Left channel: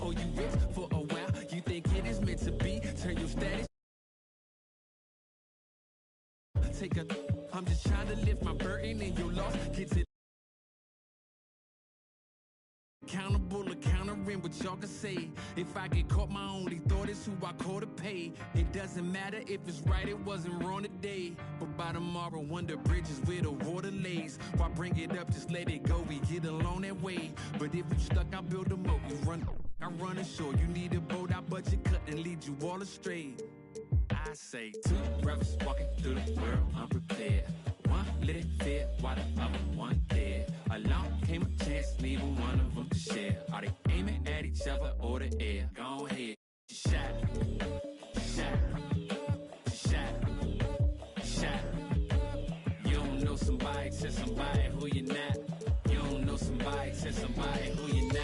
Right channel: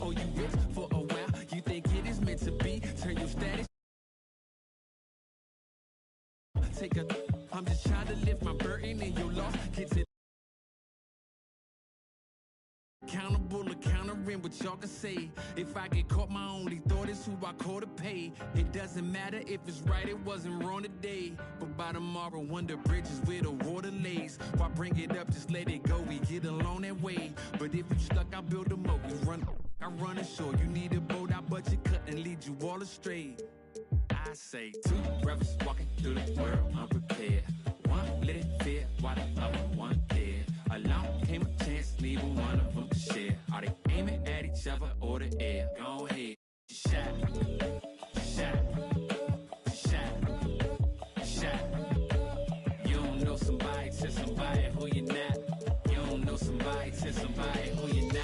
Oh, you rich for a while, you think it is meant to be. Turn your status. Take a, I'm just trying to lift my burden and your loss. Get to accountable, countering what y'all can say. If I get caught, my only thought is who I call to pay. It doesn't matter if it's right, it wasn't wrong today. But by tomorrow, wonder bridges where the water lays. Why bring it up, just let it go, we get along that way. But if you stuck, I build a moat, we run, I run ashore. You need a boat, I budget cut and lead you all astray. I say two brothers walking through the world unprepared. One let it fear while the other one dead. Along came a chance, neither one of them to share. Are they aiming at each other or the air? Go ahead, shot, shot, shot, shot. You don't know somebody, tell somebody who you're not. You don't know somebody, tell somebody who you're not.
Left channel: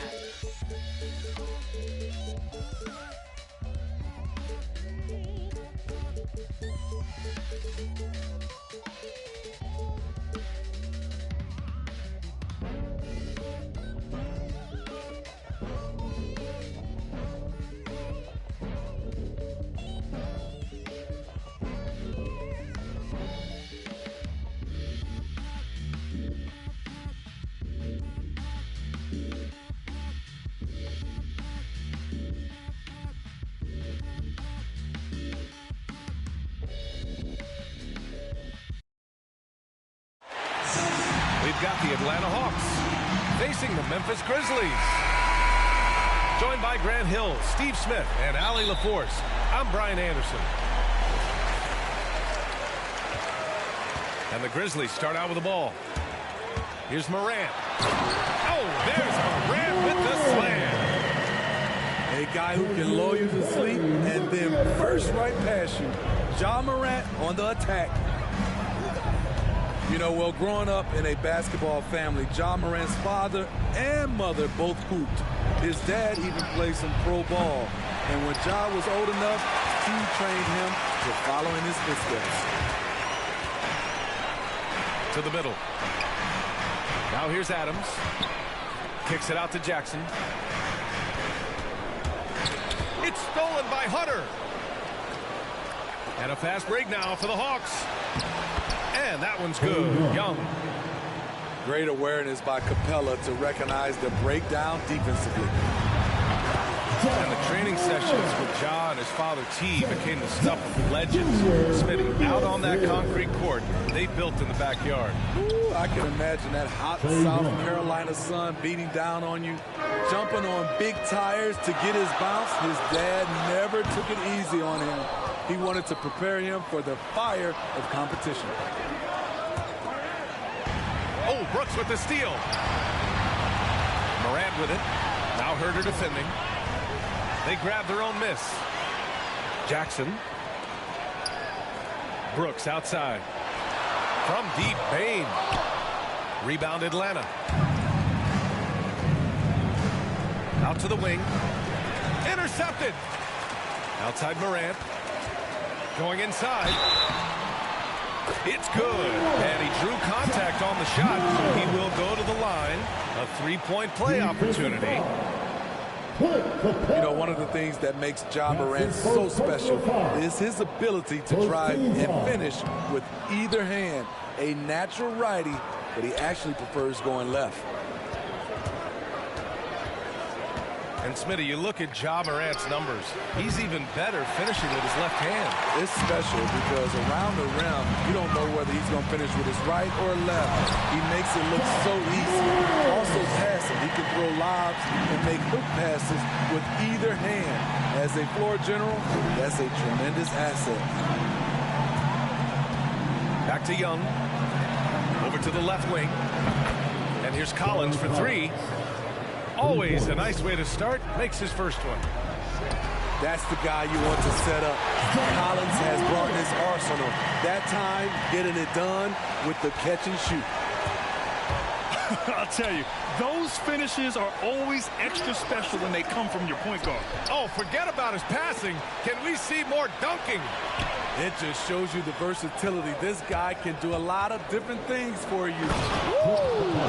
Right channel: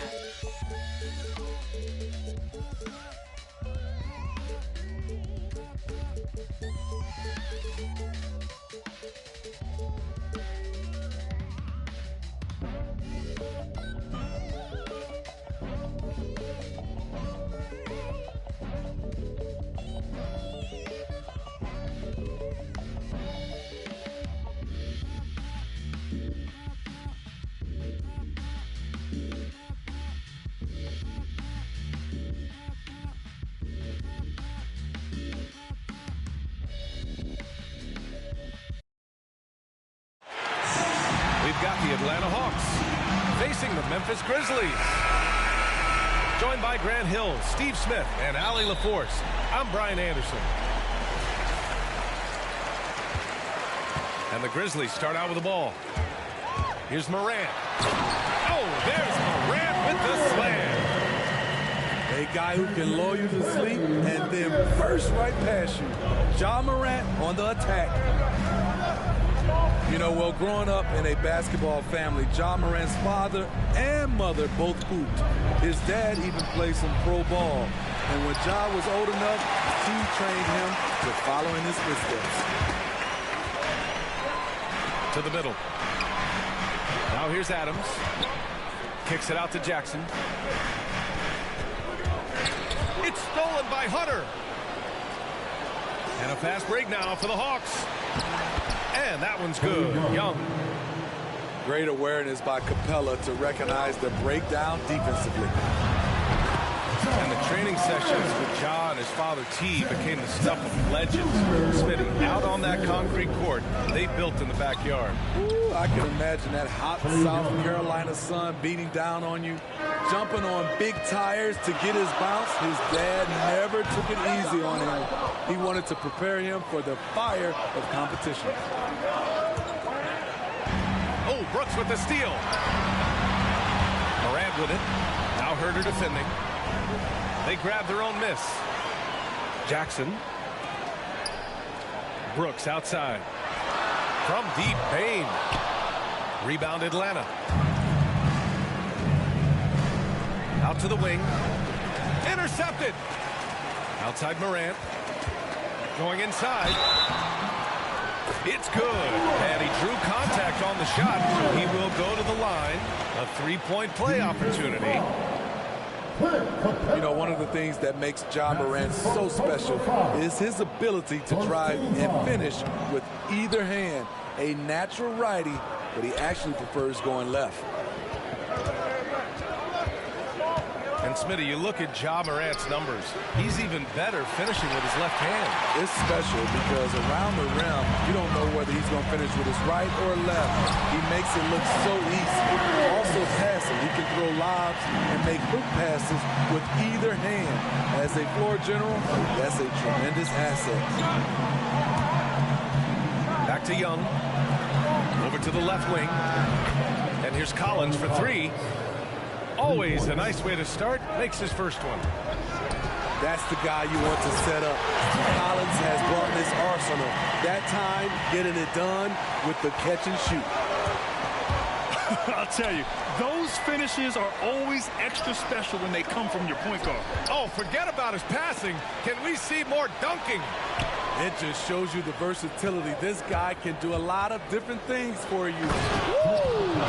We've got the Atlanta Hawks facing the Memphis Grizzlies. Joined by Grant Hill, Steve Smith, and Allie LaForce, I'm Brian Anderson. And the Grizzlies start out with the ball. Here's Morant. Oh, there's Morant with the slam. A guy who can lull you to sleep and then burst right past you. Ja Morant on the attack. You know, well, growing up in a basketball family, Ja Morant's father and mother both hooped. His dad even played some pro ball. And when Ja was old enough, he trained him to follow in his footsteps. To the middle. Now here's Adams. Kicks it out to Jackson. It's stolen by Hunter. And a fast break now for the Hawks. And that one's good. Young. Great awareness by Capella to recognize the breakdown defensively. And the training sessions with Ja and his father T became the stuff of legends. Smitty, out on that concrete court they built in the backyard. Ooh, I can imagine that hot South Carolina sun beating down on you, jumping on big tires to get his bounce. His dad never took it easy on him. He wanted to prepare him for the fire of competition. Oh, Brooks with the steal. Morant with it. Now Herter defending. They grab their own miss. Jackson. Brooks outside. From deep, Bane. Rebound Atlanta. Out to the wing. Intercepted. Outside Morant. Going inside. It's good. And he drew contact on the shot, so he will go to the line. A three-point play opportunity. You know, one of the things that makes Ja Morant so special is his ability to drive and finish with either hand. A natural righty, but he actually prefers going left. And Smitty, you look at Ja Morant's numbers. He's even better finishing with his left hand. It's special because around the rim, you don't know whether he's going to finish with his right or left. He makes it look so easy. Also passing, he can throw lobs and make hook passes with either hand. As a floor general, that's a tremendous asset. Back to Young. Over to the left wing. And here's Collins for three. Always a nice way to start. Makes his first one. That's the guy you want to set up. Collins has brought his arsenal. That time, getting it done with the catch and shoot. I'll tell you, those finishes are always extra special when they come from your point guard. Oh, forget about his passing. Can we see more dunking? It just shows you the versatility. This guy can do a lot of different things for you. Woo!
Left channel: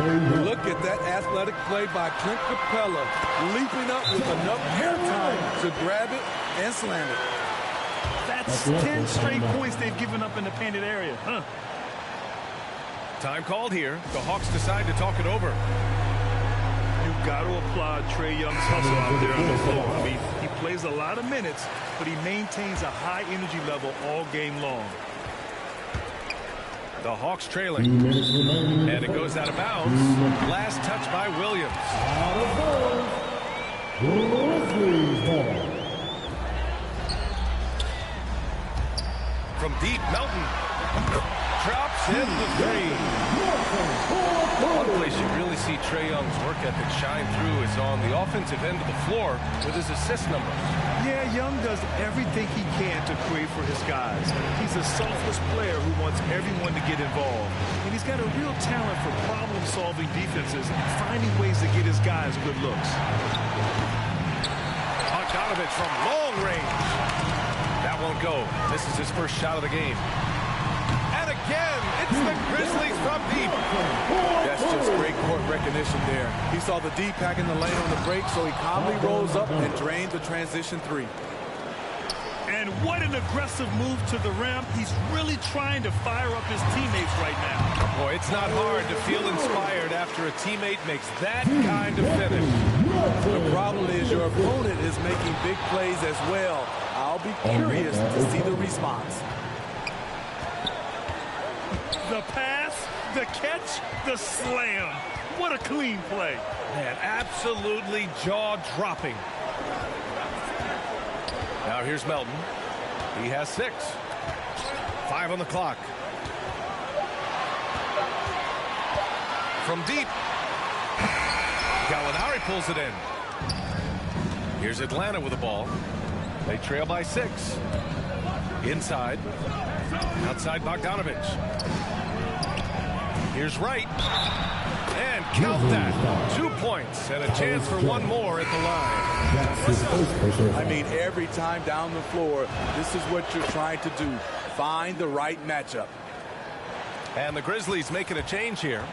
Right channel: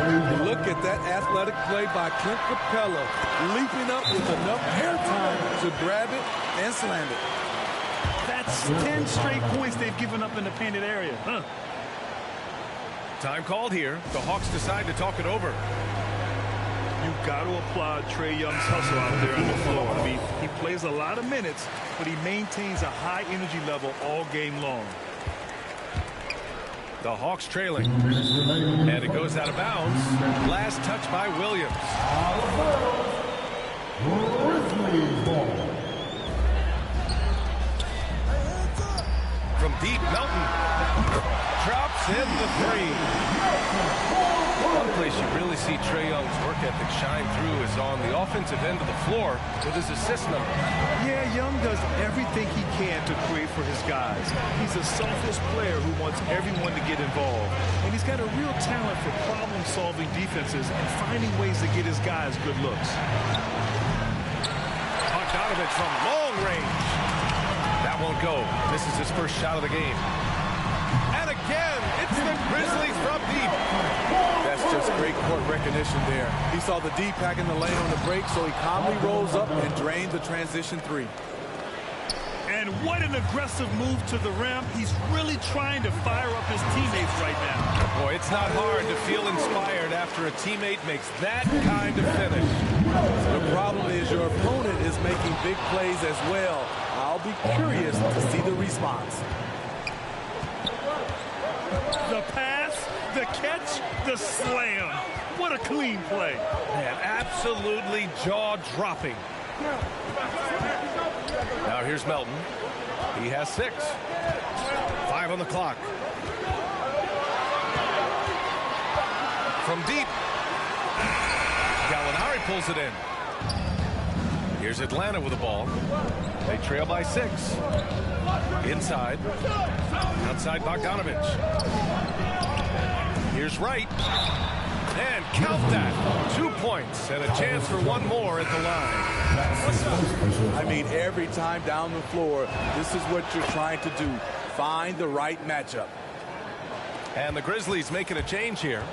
Look at that athletic play by Clint Capella, leaping up with enough air time to grab it and slam it. That's 10 straight points they've given up in the painted area. Time called here. The Hawks decide to talk it over. You've got to applaud Trae Young's hustle out there on the floor. I mean, he plays a lot of minutes, but he maintains a high energy level all game long. The Hawks trailing. And it goes out of bounds. Last touch by Williams. From deep, Melton drops in the three. One place you really see Trae Young's work ethic shine through is on the offensive end of the floor with his assist numbers. Yeah, Young does everything he can to create for his guys. He's a selfless player who wants everyone to get involved. And he's got a real talent for problem-solving defenses and finding ways to get his guys good looks. Bogdanovich from long range. That won't go. This is his first shot of the game. And again, it's the Grizzlies from deep. That's just great court recognition there. He saw the D pack in the lane on the break, so he calmly rose up and drained the transition three. And what an aggressive move to the rim. He's really trying to fire up his teammates right now. Boy, it's not hard to feel inspired after a teammate makes that kind of finish. The problem is your opponent is making big plays as well. I'll be curious to see the response. The pass, the catch, the slam. What a clean play. Man, absolutely jaw-dropping. Now here's Melton. He has 6. 5 on the clock. From deep. Gallinari pulls it in. Here's Atlanta with the ball. They trail by 6. Inside. Outside Bogdanovich. Here's Wright. And count that. 2 points and a chance for one more at the line. I mean, every time down the floor, this is what you're trying to do. Find the right matchup. And the Grizzlies making a change here.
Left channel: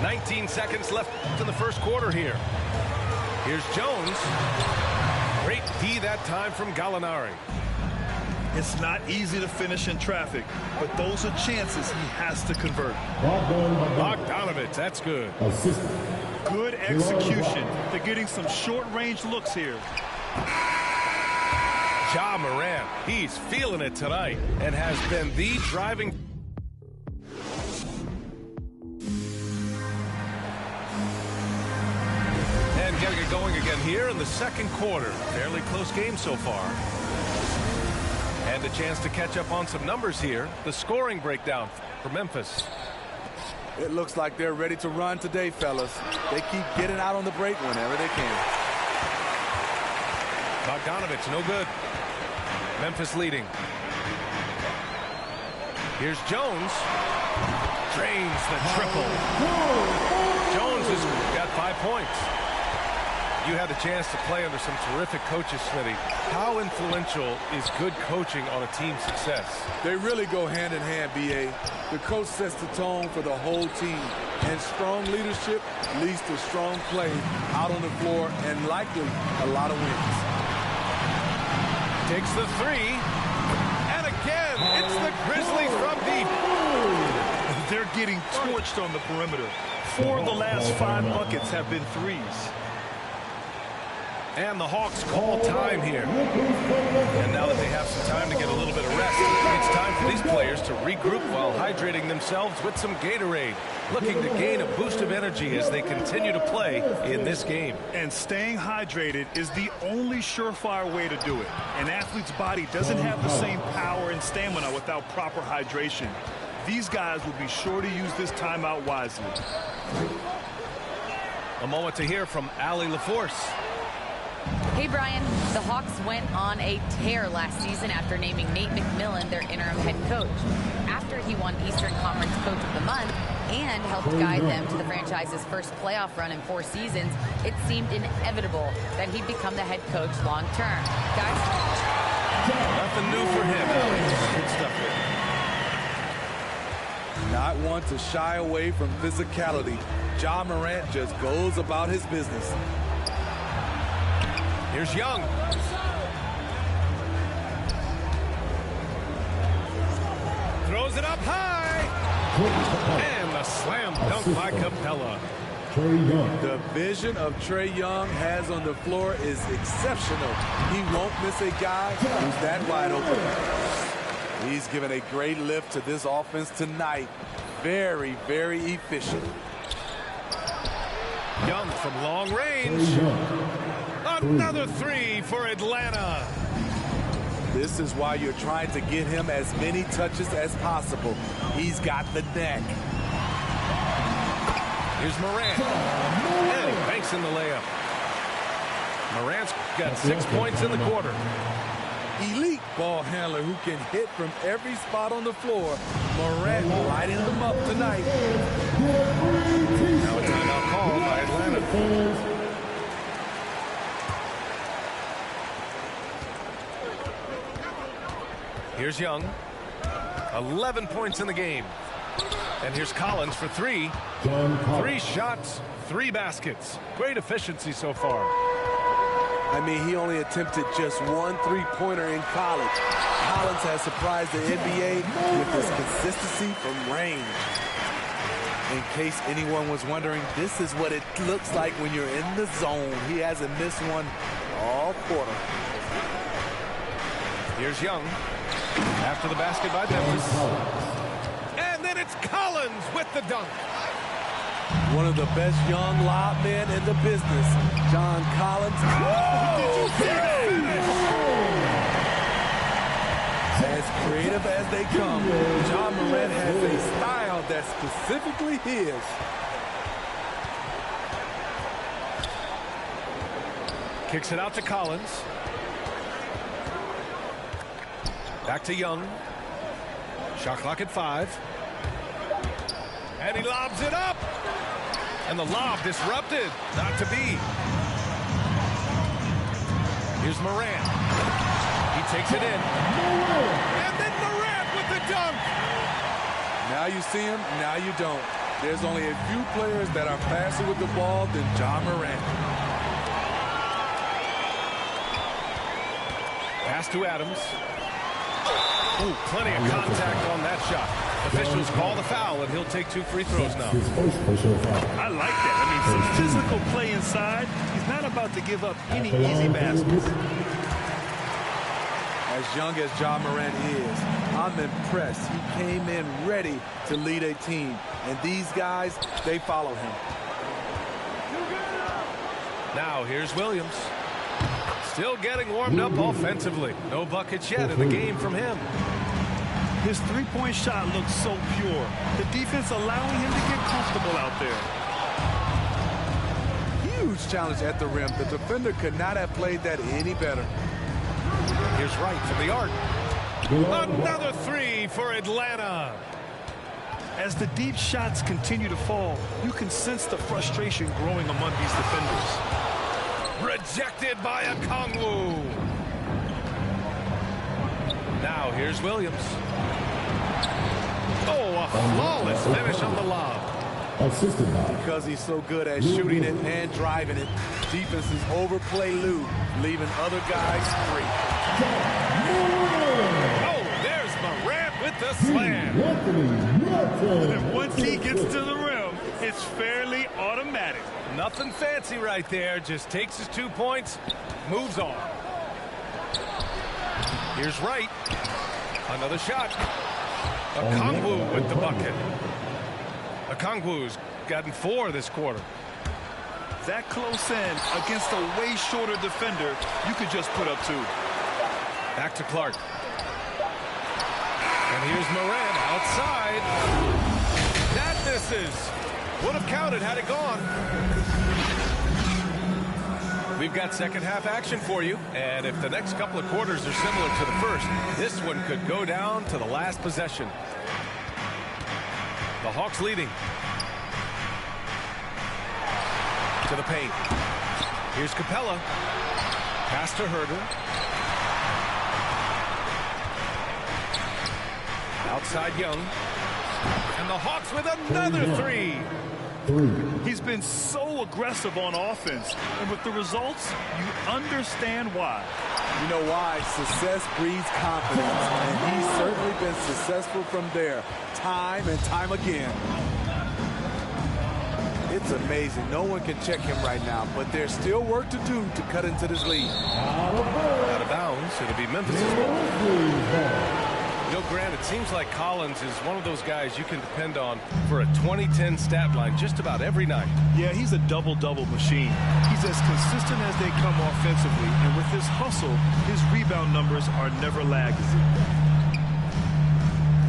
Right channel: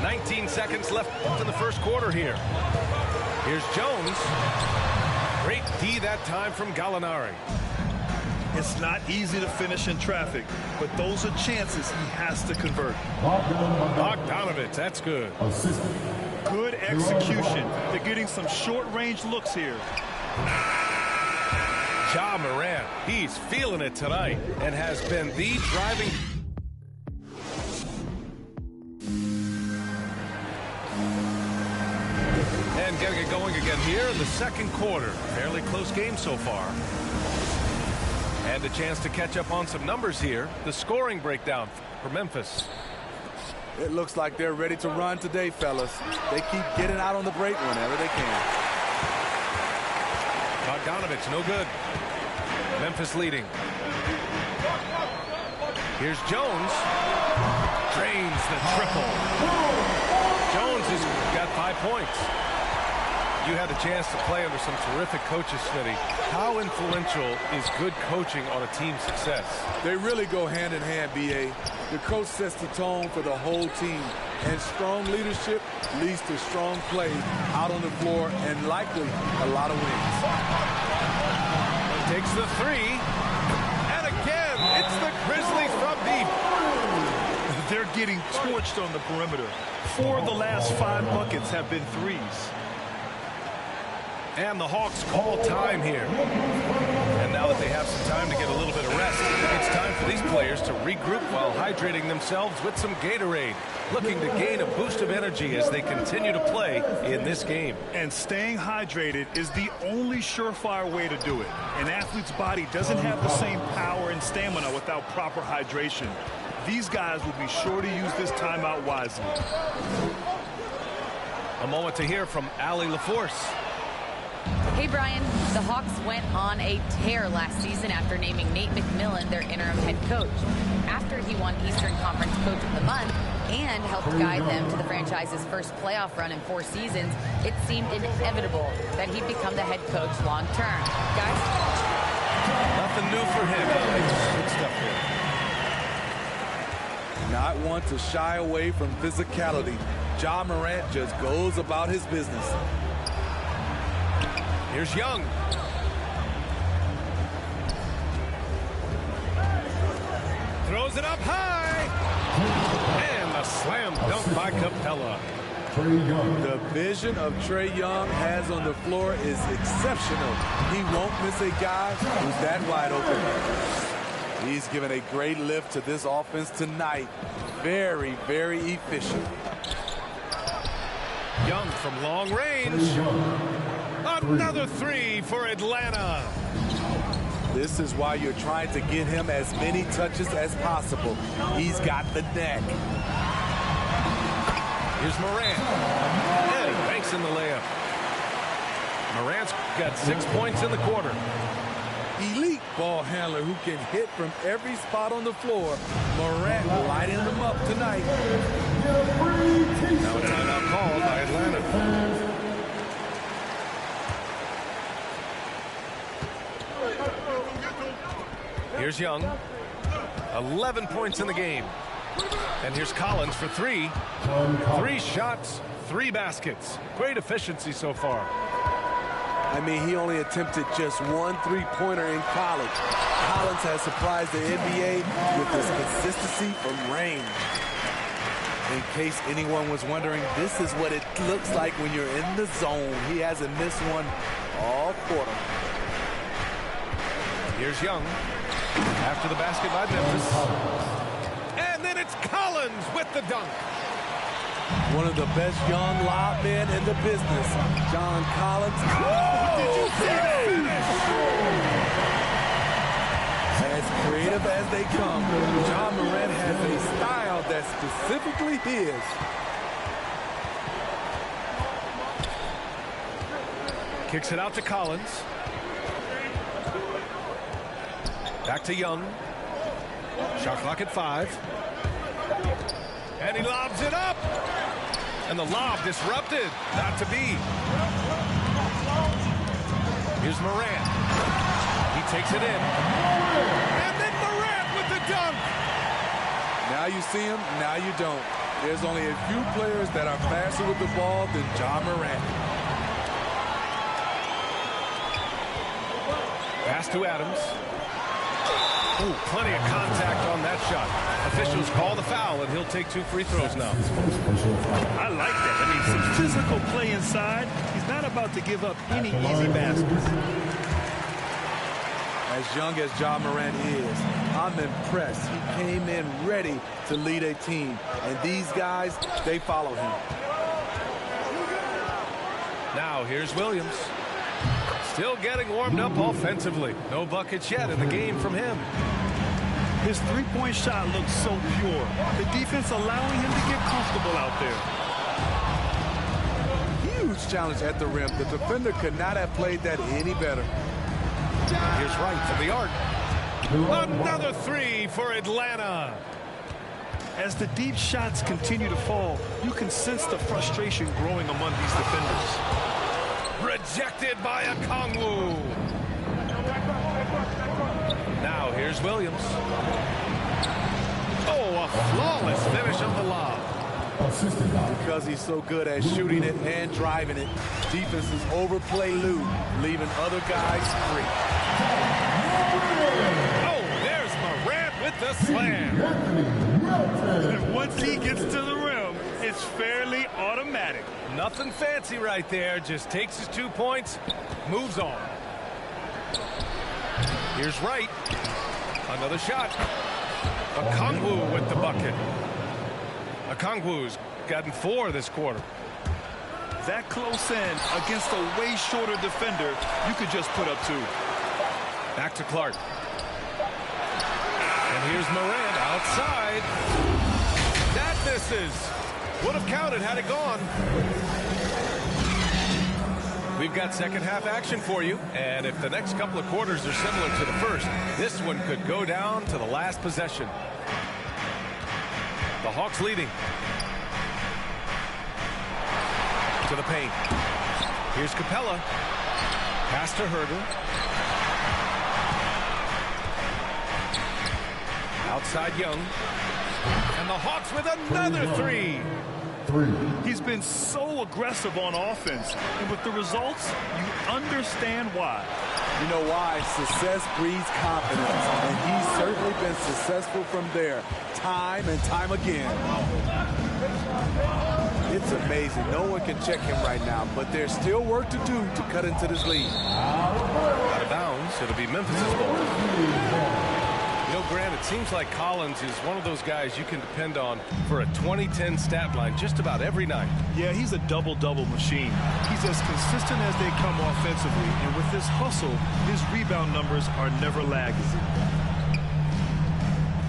19 seconds left in the first quarter here. Here's Jones. Great D that time from Gallinari. It's not easy to finish in traffic, but those are chances he has to convert. Bogdanovich, that's good. Good execution. They're getting some short-range looks here. Ja Morant, he's feeling it tonight and has been the driving. And getting it going again here in the second quarter. Fairly close game so far. And a chance to catch up on some numbers here. The scoring breakdown for Memphis. It looks like they're ready to run today, fellas. They keep getting out on the break whenever they can. Bogdanovich, no good. Memphis leading. Here's Jones. Drains the triple. Jones has got 5 points. You had the chance to play under some terrific coaches, Smitty. How influential is good coaching on a team's success? They really go hand in hand, B.A. The coach sets the tone for the whole team. And strong leadership leads to strong play out on the floor and likely a lot of wins. Takes the 3. And again, it's the Grizzlies from deep. They're getting torched on the perimeter. 4 of the last 5 buckets have been threes. And the Hawks call time here. And now that they have some time to get a little bit of rest, it's time for these players to regroup while hydrating themselves with some Gatorade, looking to gain a boost of energy as they continue to play in this game. And staying hydrated is the only surefire way to do it. An athlete's body doesn't have the same power and stamina without proper hydration. These guys will be sure to use this timeout wisely. A moment to hear from Allie LaForce. Hey, Brian. The Hawks went on a tear last season after naming Nate McMillan their interim head coach. After he won Eastern Conference Coach of the Month and helped guide them to the franchise's first playoff run in 4 seasons, it seemed inevitable that he'd become the head coach long term. Guys? Nothing new for him, Alex. Good stuff Not one to shy away from physicality. Ja Morant just goes about his business. Here's Young. Throws it up high. And the slam dunk by Capella. The vision of Trae Young has on the floor is exceptional. He won't miss a guy who's that wide open. He's given a great lift to this offense tonight. Very, very efficient. Young from long range. Another three for Atlanta. This is why you're trying to get him as many touches as possible. He's got the neck. Here's Morant. And he banks in the layup. Morant's got 6 points in the quarter. Elite ball handler who can hit from every spot on the floor. Morant lighting them up tonight. Now a timeout called by Atlanta. Here's Young. 11 points in the game. And here's Collins for three. 3 shots, 3 baskets. Great efficiency so far. I mean, he only attempted just 1 3-pointer in college. Collins has surprised the NBA with his consistency from range. In case anyone was wondering, this is what it looks like when you're in the zone. He hasn't missed one all quarter. Here's Young. After the basket by Memphis. And then it's Collins with the dunk. One of the best young lob men in the business, John Collins. Oh, did you see that finish? As creative as they come, Ja Morant has a style that's specifically his. Kicks it out to Collins. Back to Young. Shot clock at 5. And he lobs it up. And the lob disrupted. Not to be. Here's Morant. He takes it in. And then Morant with the dunk. Now you see him, now you don't. There's only a few players that are faster with the ball than Ja Morant. Pass to Adams. Ooh, plenty of contact on that shot. Officials call the foul, and he'll take 2 free throws now. I like that. I mean, some physical play inside. He's not about to give up any easy baskets. As young as Ja Morant is, I'm impressed. He came in ready to lead a team. And these guys, they follow him. Now here's Williams. Still getting warmed up offensively. No buckets yet in the game from him. His three-point shot looks so pure. The defense allowing him to get comfortable out there. Huge challenge at the rim. The defender could not have played that any better. Here's Wright from the arc. Another 3 for Atlanta. As the deep shots continue to fall, you can sense the frustration growing among these defenders. Rejected by Okongwu. Now here's Williams. Oh, a flawless finish on the lob. Because he's so good at shooting it and driving it, defenses overplay Lou, leaving other guys free. Oh, there's Morant with the slam. And once he gets to the rim, it's fairly automatic. Nothing fancy right there. Just takes his 2 points, moves on. Here's Wright. Another shot. Okongwu with the bucket. Okongwu's gotten 4 this quarter. That close in against a way shorter defender, you could just put up 2. Back to Clark. And here's Morant outside. That misses. Would have counted had it gone. We've got second half action for you. And if the next couple of quarters are similar to the first, this one could go down to the last possession. The Hawks leading. To the paint. Here's Capella. Pass to Herter. Outside Young. And the Hawks with another three. He's been so aggressive on offense, and with the results, you understand why. You know why? Success breeds confidence, and he's certainly been successful from there, time and time again. It's amazing. No one can check him right now, but there's still work to do to cut into this lead. Out of bounds. It'll be Memphis's ball. You know, Grant, it seems like Collins is one of those guys you can depend on for a 2010 stat line just about every night. Yeah, he's a double-double machine. He's as consistent as they come offensively, and with his hustle, his rebound numbers are never lagging.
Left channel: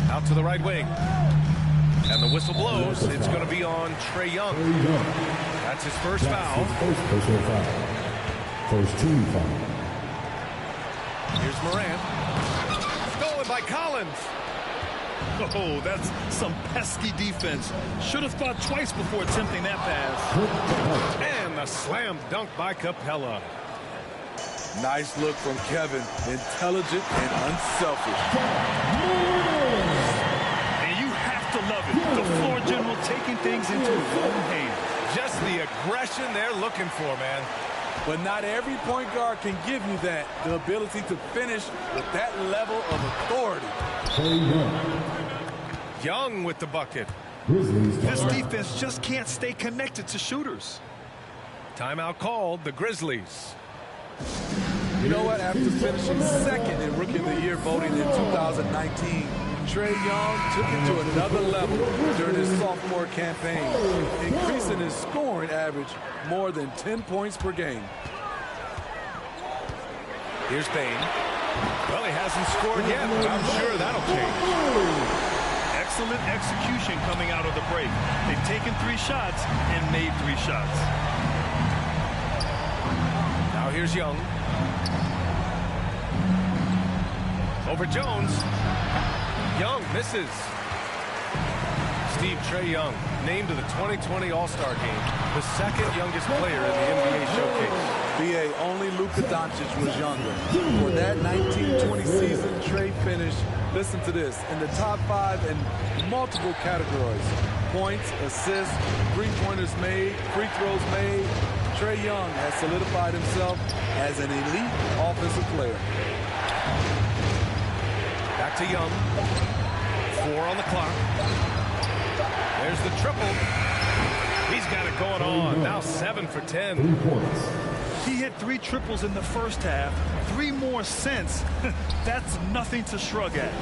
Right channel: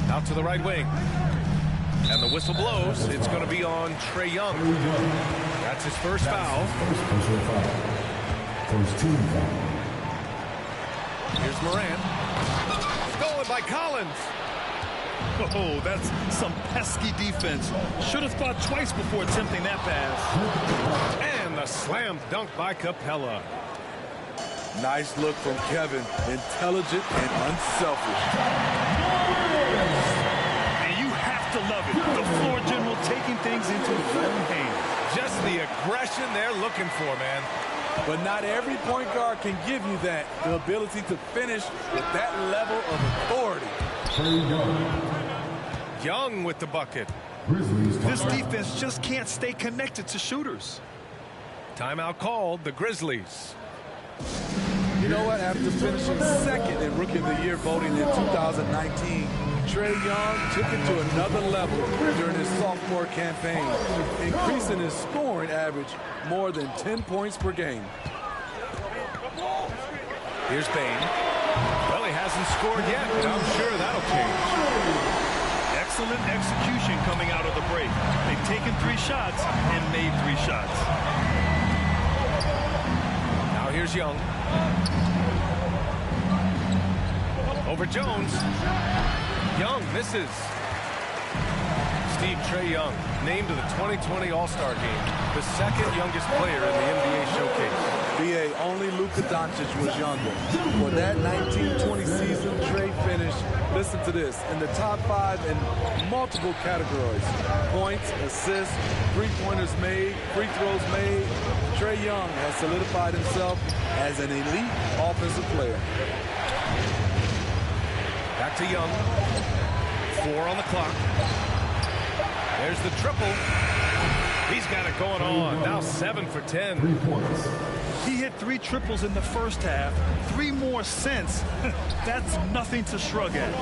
Out to the right wing. And the whistle blows. It's going to be on Trae Young. That's his first foul. First personal foul. First team foul. Here's Morant. Stolen by Collins. Oh, that's some pesky defense. Should have thought twice before attempting that pass. And the slam dunk by Capella. Nice look from Kevin. Intelligent and unselfish. And you have to love it. The floor general taking things into his own hands. Just the aggression they're looking for, man. But not every point guard can give you that. The ability to finish with that level of authority. Young with the bucket. This defense just can't stay connected to shooters. Timeout called, the Grizzlies. You know what? After finishing second in Rookie of the Year voting in 2019, Trae Young took it to another level during his sophomore campaign, increasing his scoring average more than 10 points per game. Here's Bane. Well, he hasn't scored yet, but I'm sure that'll change. Excellent execution coming out of the break. They've taken 3 shots and made 3 shots. Now here's Young. Over Jones. Young misses. Steve, Trae Young named to the 2020 All-Star Game, the second youngest player in the NBA showcase. BA, only Luka Doncic was younger. For that 1920 season, Trae finished, listen to this, in the top 5 in multiple categories. Points, assists, three-pointers made, free throws made. Trae Young has solidified himself as an elite offensive player. Back to Young. 4 on the clock. There's the triple. He's got it going on. Now 7 for 10. 3 points. He hit 3 triples in the first half. 3 more since. That's nothing to shrug at.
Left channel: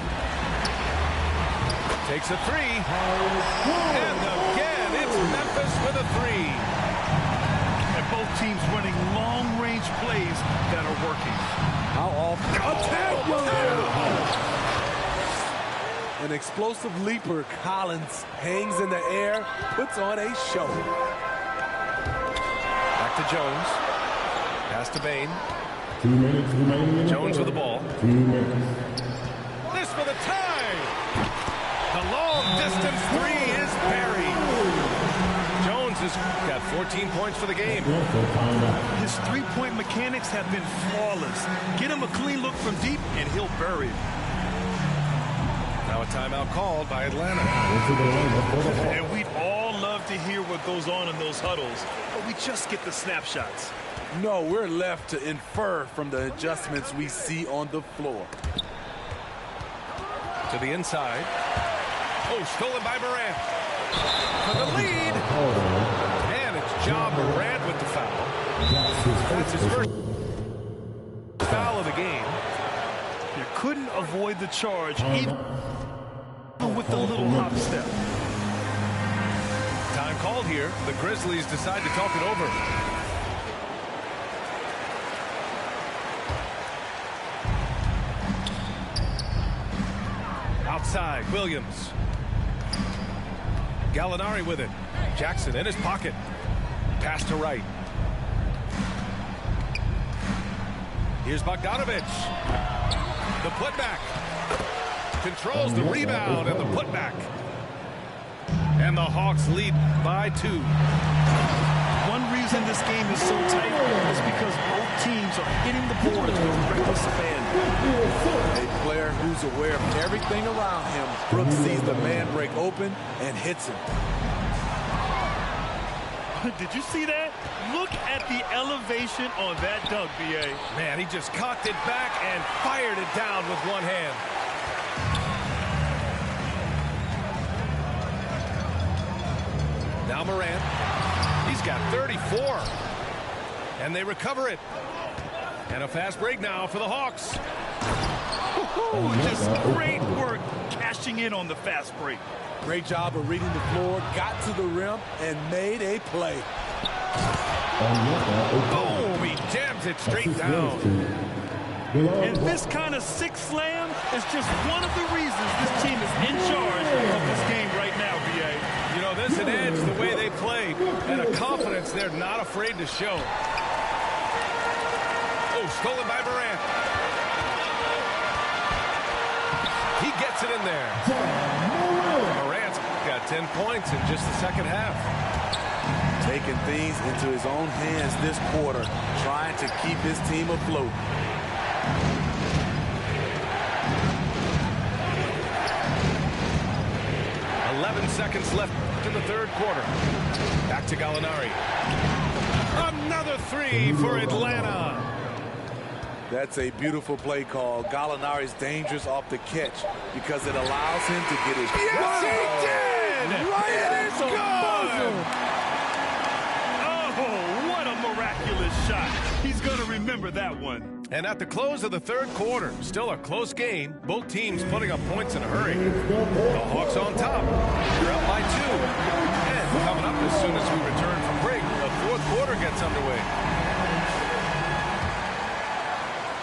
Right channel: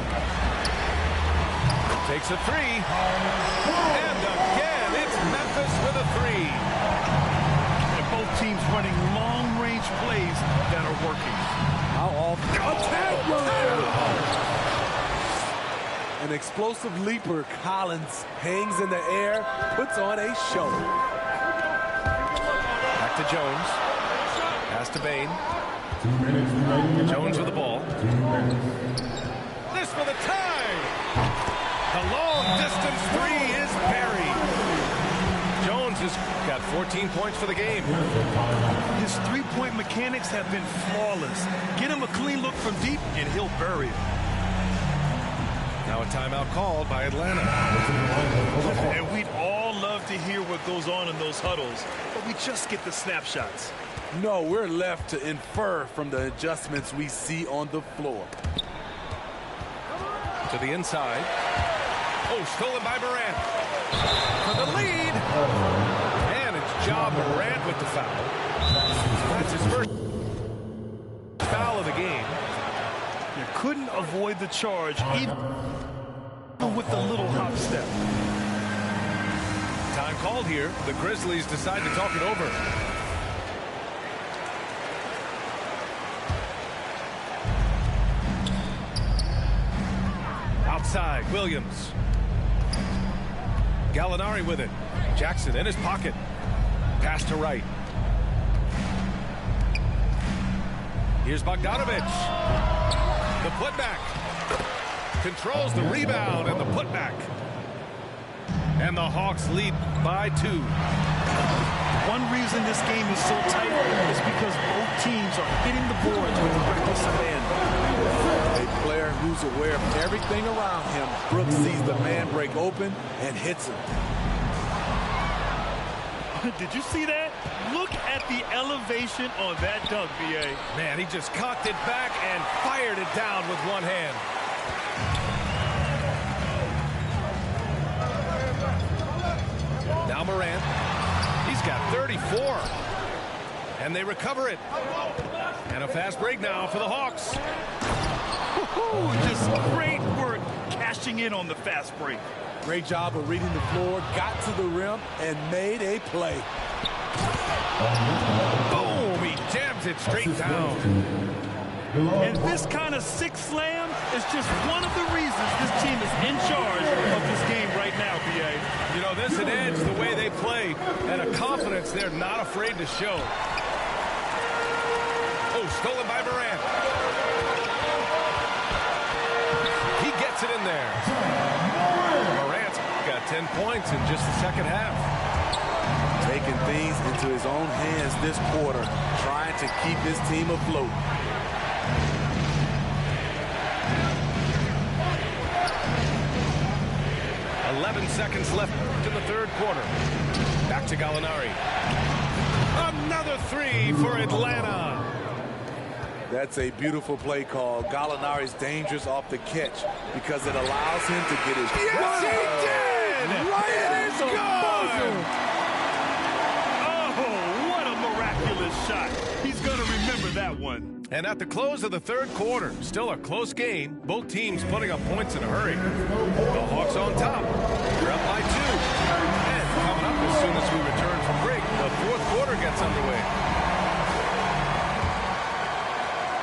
Takes a 3. And again, it's Memphis with a 3. And both teams running long-range plays that are working. How often? Attack! An explosive leaper, Collins, hangs in the air, puts on a show. Back to Jones. Pass to Bane. 2 minutes remaining. Jones with the ball. 2 minutes. This for the tie. The long distance 3 is buried. Jones has got 14 points for the game. His three-point mechanics have been flawless. Get him a clean look from deep, and he'll bury it. Now a timeout called by Atlanta. And we'd all love to hear what goes on in those huddles, but we just get the snapshots. No, we're left to infer from the adjustments we see on the floor. To the inside. Oh, stolen by Morant. For the lead. And it's Ja Morant with the foul. That's his first foul of the game. You couldn't avoid the charge, even with the little hop step. Time called here. The Grizzlies decide to talk it over. Outside, Williams. Gallinari with it. Jackson in his pocket. Pass to right. Here's Bogdanovic. The putback. Controls the rebound and the putback. And the Hawks lead by 2. One reason this game is so tight is because both teams are hitting the boards with reckless abandon. A player who's aware of everything around him. Brooks sees the man break open and hits him. Did you see that? Look at the elevation on that dunk, B.A. Man, he just cocked it back and fired it down with one hand. Now Morant. He's got 34. And they recover it. And a fast break now for the Hawks. Just great work cashing in on the fast break. Great job of reading the floor, got to the rim, and made a play. Boom! He jams it straight down. And this kind of six slam is just one of the reasons this team is in charge of this game right now, B.A. You know, there's an edge the way they play and a confidence they're not afraid to show. Oh, stolen by Morant. He gets it in there. Morant's got 10 points in just the second half. Taking things into his own hands this quarter, trying to keep his team afloat. "11 seconds left in the third quarter. Back to Gallinari. Another three for Atlanta. That's a beautiful play call. Gallinari's dangerous off the catch because it allows him to get his... Yes, he did! Right It is good! Oh, what a miraculous shot. He's going to remember that one. And at the close of the third quarter, still a close game. Both teams putting up points in a hurry. The Hawks on top. They're up by 2. And coming up as soon as we return from break, the fourth quarter gets underway.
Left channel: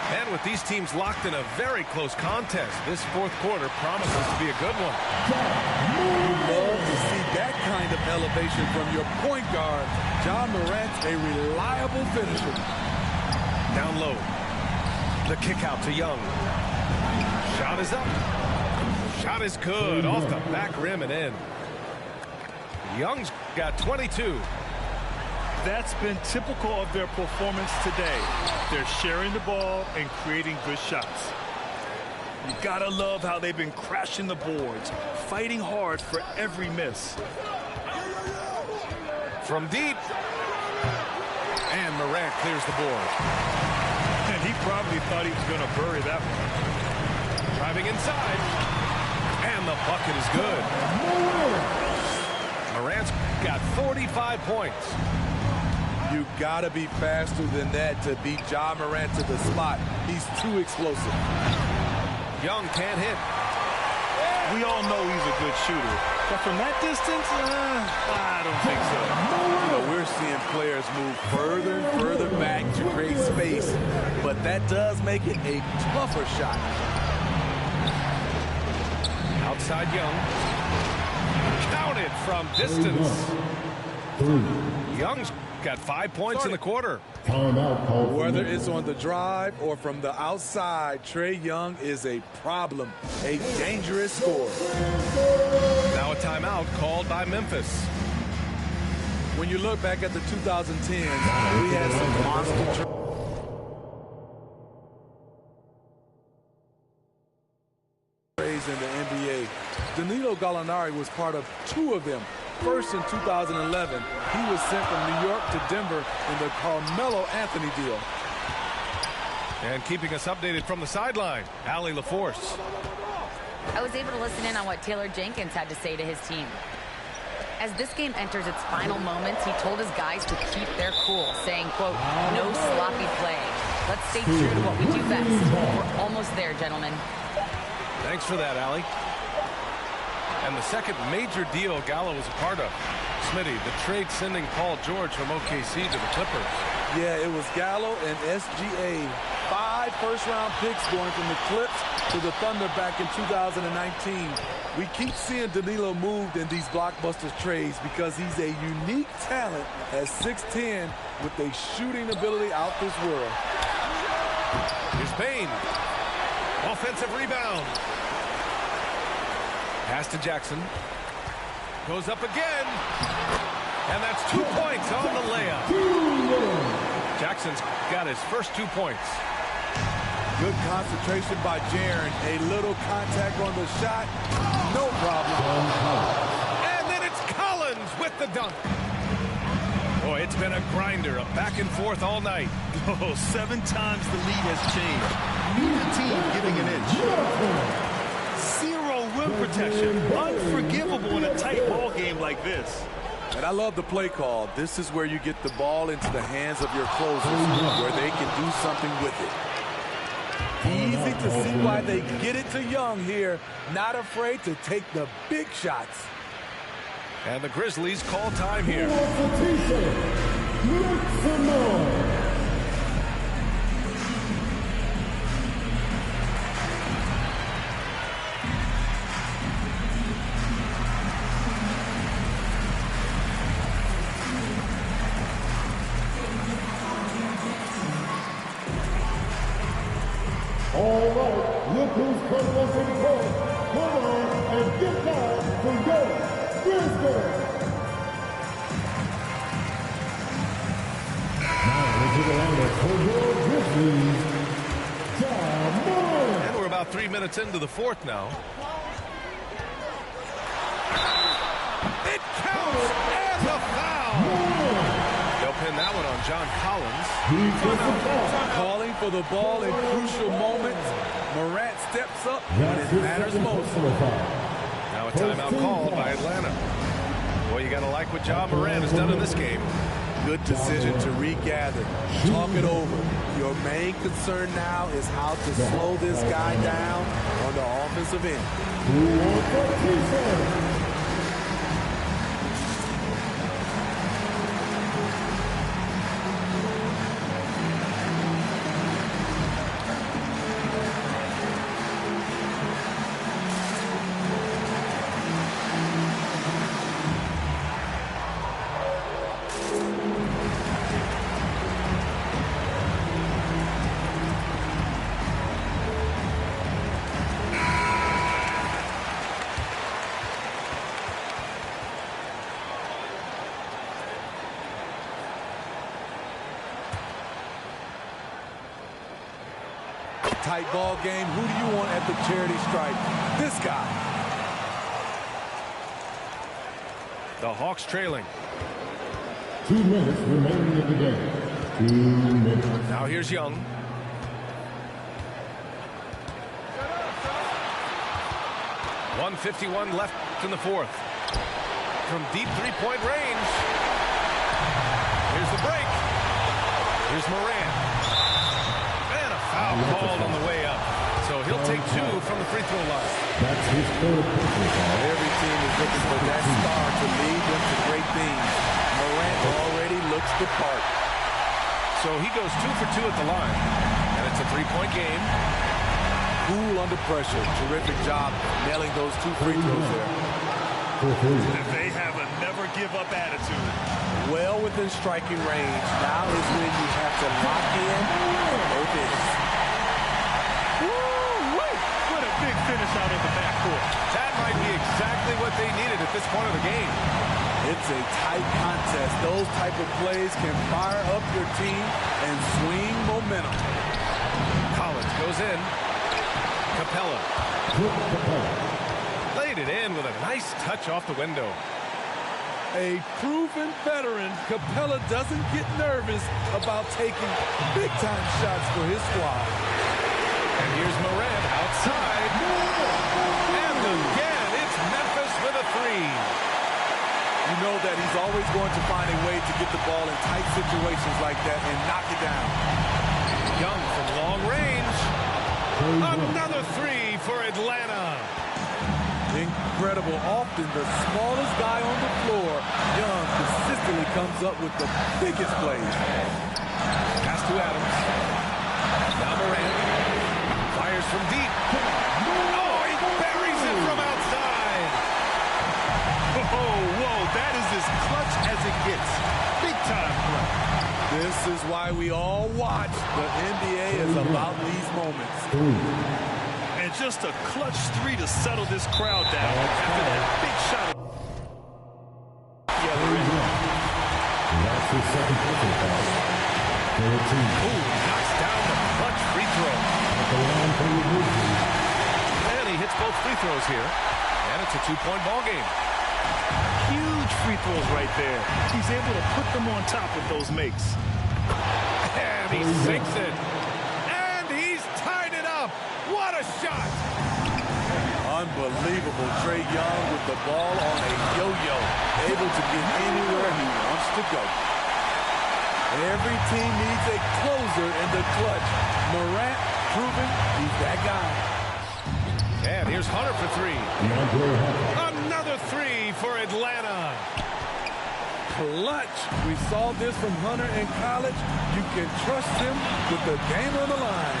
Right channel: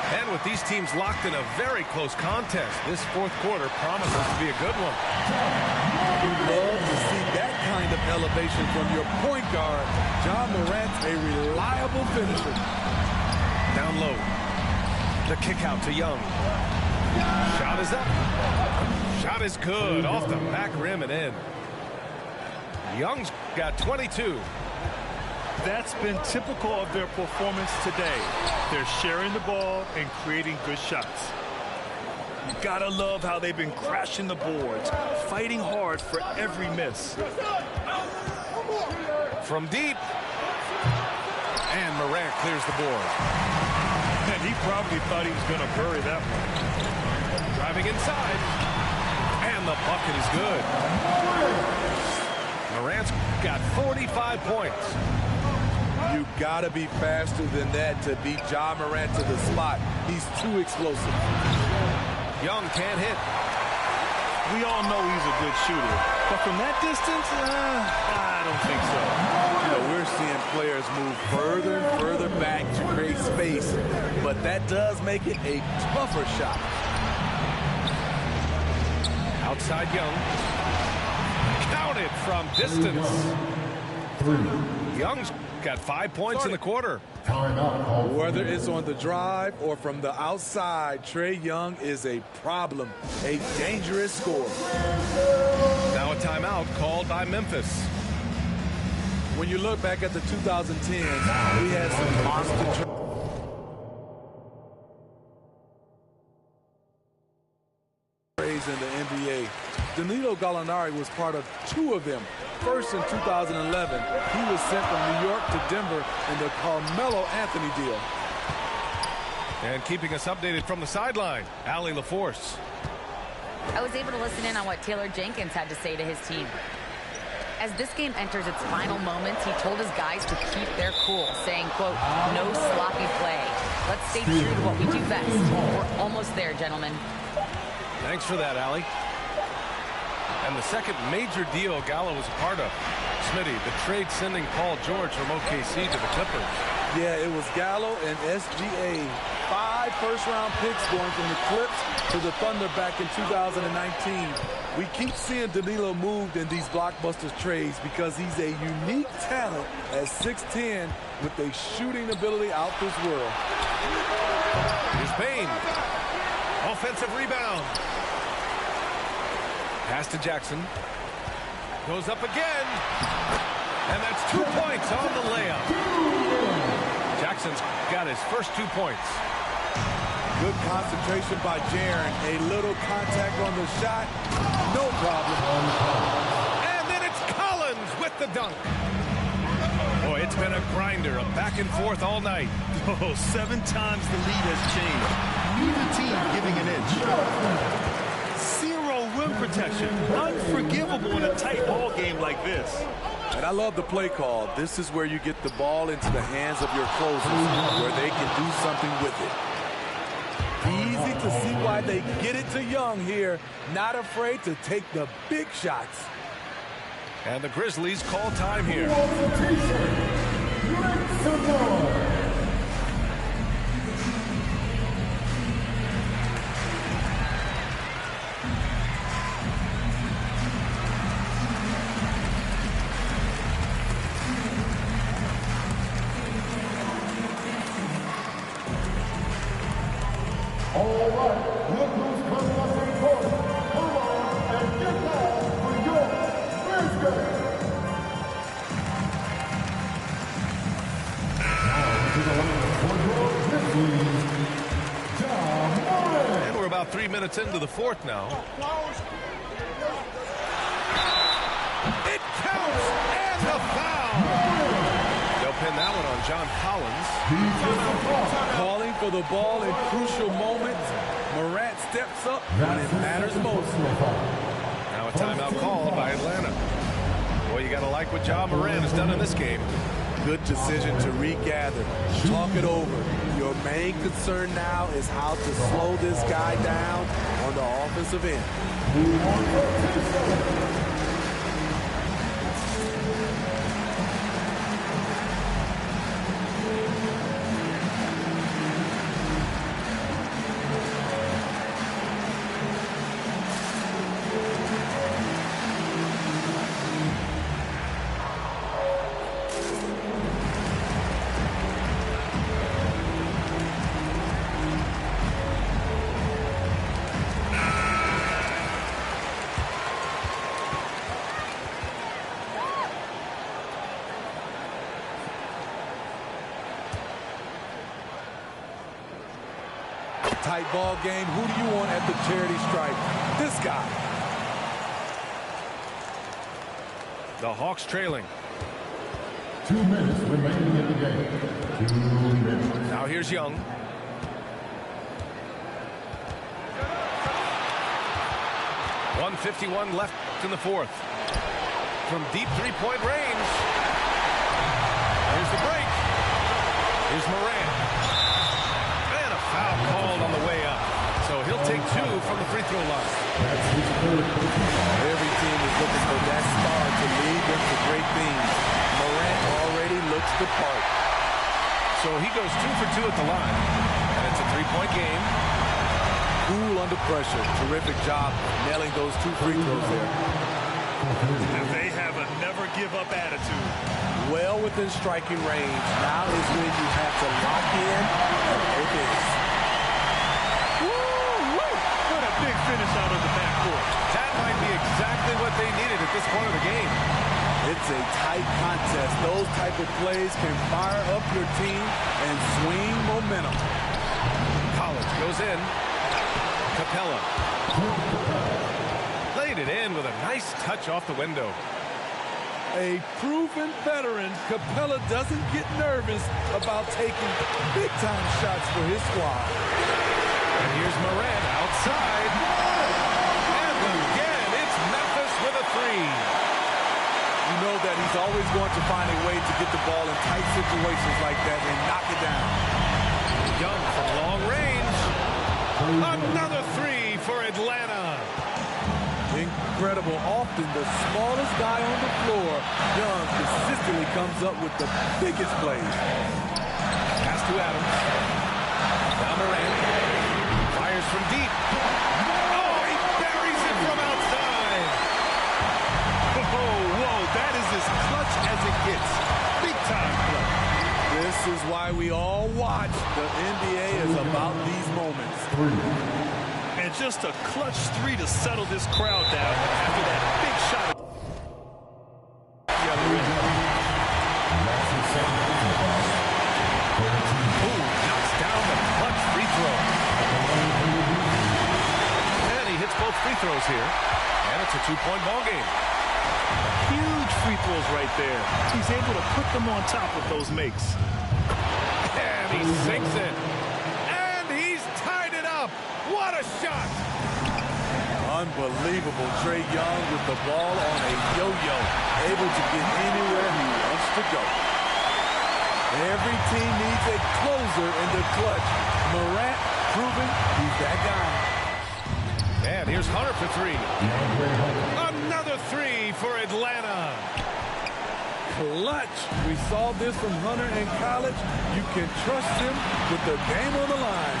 And with these teams locked in a very close contest, this fourth quarter promises to be a good one. You love to see that kind of elevation from your point guard. Ja Morant's a reliable finisher. Down low. The kick out to Young. Shot is up. Shot is good. Off the back rim and in. Young's got 22. That's been typical of their performance today. They're sharing the ball and creating good shots. You gotta love how they've been crashing the boards, fighting hard for every miss. From deep. And Morant clears the board. And he probably thought he was going to bury that one. Driving inside. And the bucket is good. Morant's got 45 points. You gotta be faster than that to beat Ja Morant to the spot. He's too explosive. Young can't hit. We all know he's a good shooter, but from that distance, I don't think so. You know, we're seeing players move further and further back to create space, but that does make it a tougher shot. Outside Young. Counted from distance. 3. Young's got 5 points in the quarter. Timeout called. Whether it's on the drive or from the outside, Trae Young is a problem, a dangerous scorer. Now a timeout called by Memphis. When you look back at the 2010s, we had some monster trades in the NBA. Danilo Gallinari was part of 2 of them. First in 2011, he was sent from New York to Denver in the Carmelo Anthony deal. And keeping us updated from the sideline, Allie LaForce. I was able to listen in on what Taylor Jenkins had to say to his team. As this game enters its final moments, he told his guys to keep their cool, saying, quote, "No sloppy play. Let's stay true to what we do best. We're almost there, gentlemen." Thanks for that, Allie. And the second major deal Gallo was a part of. Smitty, the trade sending Paul George from OKC to the Clippers. Yeah, it was Gallo and SGA. 5 first-round picks going from the Clips to the Thunder back in 2019. We keep seeing Danilo moved in these blockbuster trades because he's a unique talent at 6'10" with a shooting ability out this world. Here's Payne. Offensive rebound. Pass to Jackson. Goes up again. And that's 2 points on the layup. Jackson's got his first 2 points. Good concentration by Jaren. A little contact on the shot. No problem. And then it's Collins with the dunk. Boy, it's been a grinder, a back and forth all night. Oh, 7 times the lead has changed. Neither team giving an inch. Zero rim protection. Unforgivable in a tight ball game like this. And I love the play call. This is where you get the ball into the hands of your closers, where they can do something with it. Easy to see why they get it to Young here. Not afraid to take the big shots. And the Grizzlies call time here. All right, look who's coming up in the court. Come on and get down for your Grizzlies. Now into the lineup for your Grizzlies, Ja Morant. And we're about 3 minutes into the fourth now. It counts and a foul. They'll pin that one on John Collins. Calling for the ball in crucial moments. Morant steps up when it matters most. Now a timeout called by Atlanta. Boy, you got to like what Ja Morant has done in this game. Good decision to regather. Talk it over. Your main concern now is how to slow this guy down on the offensive end. Tight ball game. Who do you want at the charity stripe? This guy. The Hawks trailing. 2 minutes remaining in the game. 2 minutes. Now here's Young. .151 left in the fourth. From deep three-point range. Here's the break. Here's Morant. And a foul called on the way up. So he'll take 2 from the free throw line. That's his third personal foul. Every team is looking for that star to lead them to great things. Morant already looks the part. So he goes 2 for 2 at the line. And it's a three-point game. Cool under pressure. Terrific job nailing those 2 free throws there. They have a never-give-up attitude. Well within striking range. Now is when you have to lock in at both ends. Woo-wee! What a big finish out of the backcourt. That might be exactly what they needed at this point of the game. It's a tight contest. Those type of plays can fire up your team and swing momentum. Collins goes in. Capella. Laid it in with a nice touch off the window. A proven veteran, Capella doesn't get nervous about taking big-time shots for his squad. And here's Morant outside. And again, it's Memphis with a 3. You know that he's always going to find a way to get the ball in tight situations like that and knock it down. Young from long range. Another 3 for Atlanta. Incredible. Often the smallest guy on the floor, Young consistently comes up with the biggest plays. Pass to Adams. Now Morant. Fires from deep. Oh, he buries it from outside. Oh, whoa, that is as clutch as it gets. Big-time play. This is why we all watch. The NBA is about these moments. 3. And just a clutch 3 to settle this crowd down after that big shot at the other end. That's his second personal foul. For the team. Ooh, knocks down the clutch free throw. At the line for the Grizzlies. And he hits both free throws here. And it's a 2-point ball game. Huge free throws right there. He's able to put them on top with those makes. And he sinks it. And he's tied it up. What a shot. Unbelievable. Trae Young with the ball on a yo-yo. Able to get anywhere he wants to go. Every team needs a closer in the clutch. Morant proving he's that guy. And here's Hunter for three. DeAndre Hunter. Another three for Atlanta. Clutch. We saw this from Hunter in college. You can trust him with the game on the line.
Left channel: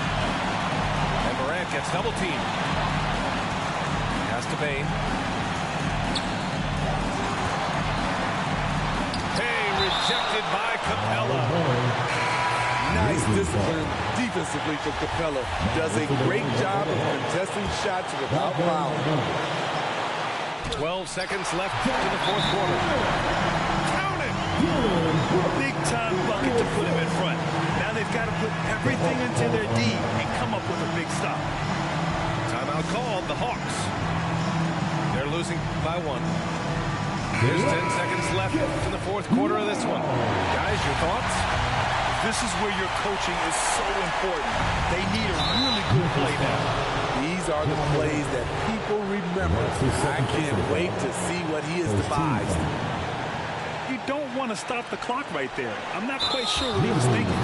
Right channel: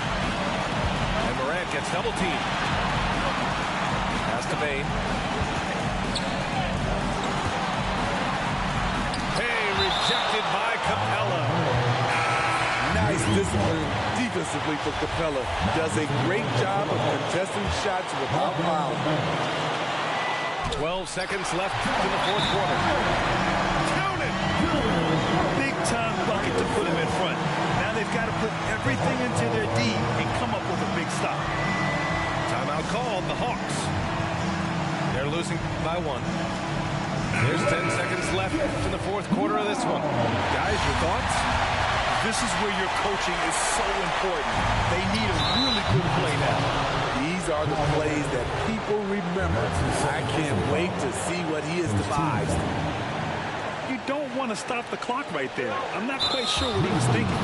And Morant gets double teamed. Pass to Bane. Hey, rejected by Capella. Nice discipline defensively for Capella. Does a great job of contesting shots without fouling. 12 seconds left in the fourth quarter. Count it! Big-time bucket to put him in front. Now they've got to put everything into their D and come up with a big stop. Timeout called, the Hawks. They're losing by 1. There's 10 seconds left in the fourth quarter of this one. Guys, your thoughts? This is where your coaching is so important. They need a really good play now. These are the plays that people remember. I can't wait to see what he has devised. You don't want to stop the clock right there. I'm not quite sure what he was thinking.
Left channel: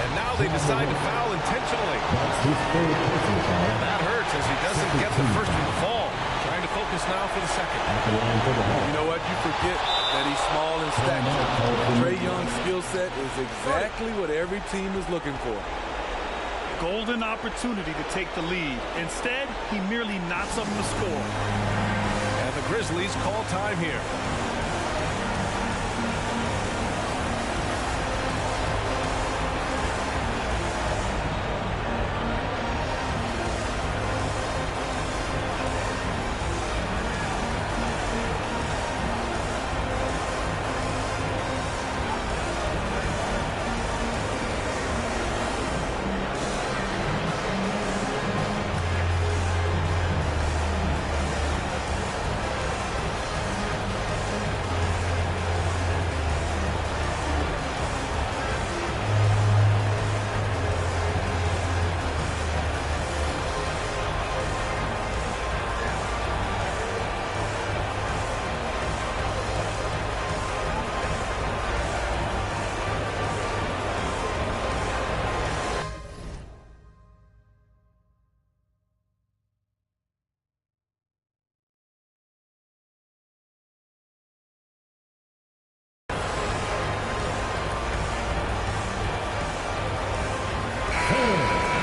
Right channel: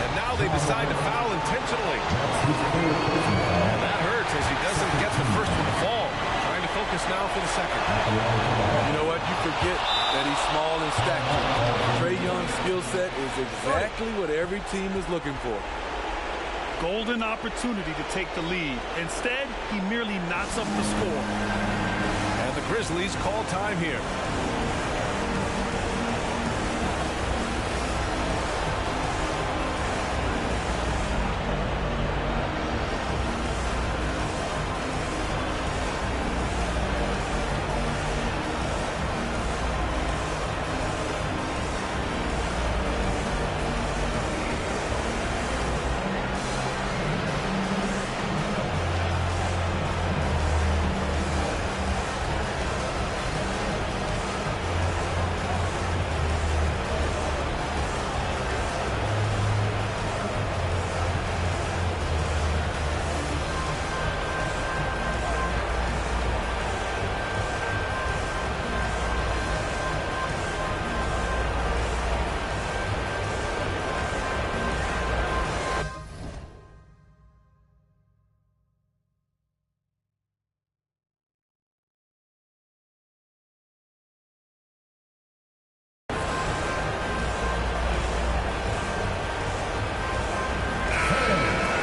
And now they decide to foul intentionally. And that hurts as he doesn't get the first one to fall. Trying to focus now for the second. You know what? You forget that he's small in stature. Trae Young's skill set is exactly what every team is looking for. Golden opportunity to take the lead. Instead, he merely knots up the score. And the Grizzlies call time here.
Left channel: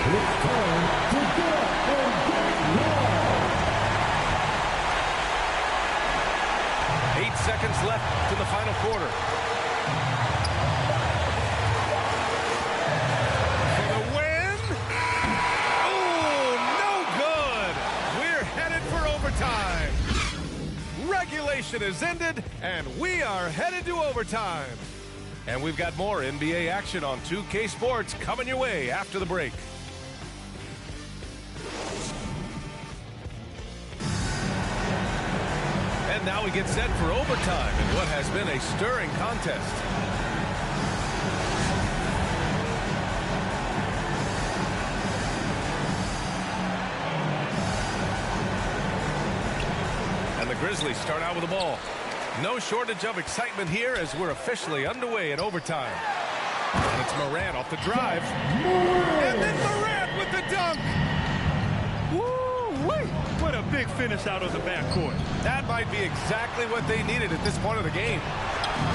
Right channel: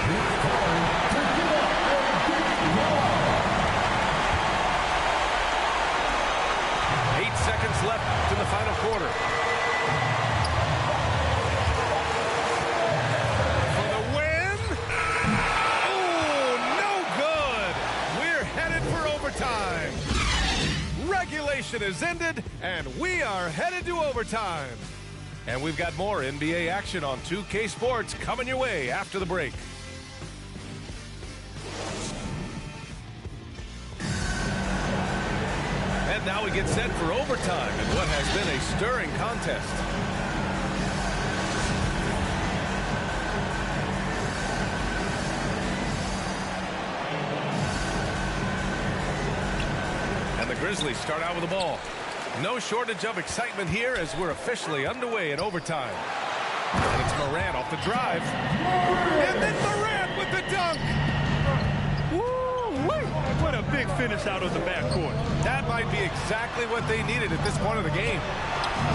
It's time to get up and get loud. 8 seconds left in the final quarter. For the win. Oh, no good. We're headed for overtime. Regulation is ended, and we are headed to overtime. And we've got more NBA action on 2K Sports coming your way after the break. And now we get set for overtime in what has been a stirring contest. And the Grizzlies start out with the ball. No shortage of excitement here as we're officially underway in overtime. And it's Morant off the drive. And then Morant with the dunk. Woo-wee! What a big finish out of the backcourt. That might be exactly what they needed at this point of the game.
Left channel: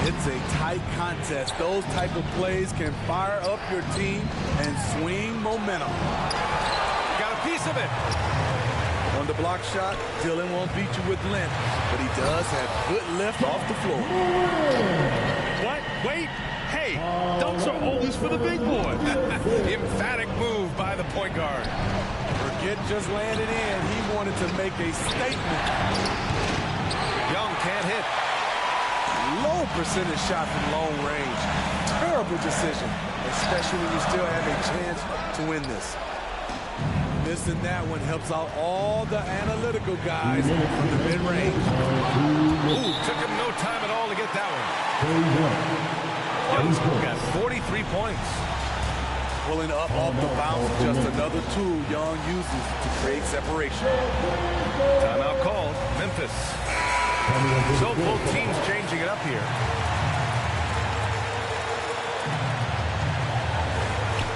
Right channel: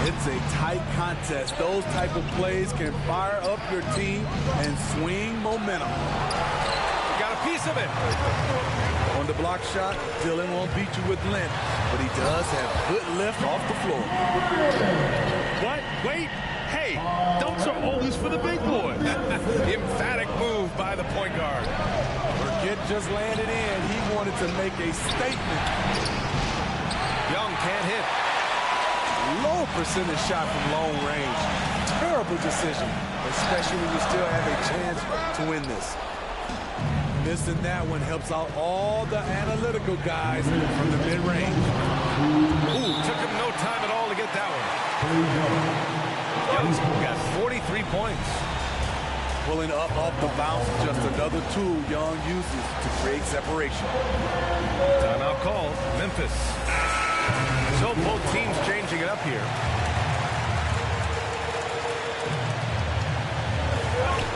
It's a tight contest. Those type of plays can fire up your team and swing momentum. Got a piece of it. On the block shot, Dillon won't beat you with length, but he does have good lift off the floor. What? Wait. Hey, dunks are always for the big boy. Emphatic move by the point guard. Forget just landing in. He wanted to make a statement. Young can't hit. Low percentage shot from long range. Terrible decision, especially when you still have a chance to win this. Missing that one helps out all the analytical guys from the mid-range. Ooh, took him no time at all to get that one. Young's got 43 points. Pulling up off the bounce, just another tool Young uses to create separation. Timeout called, Memphis. So both teams changing it up here.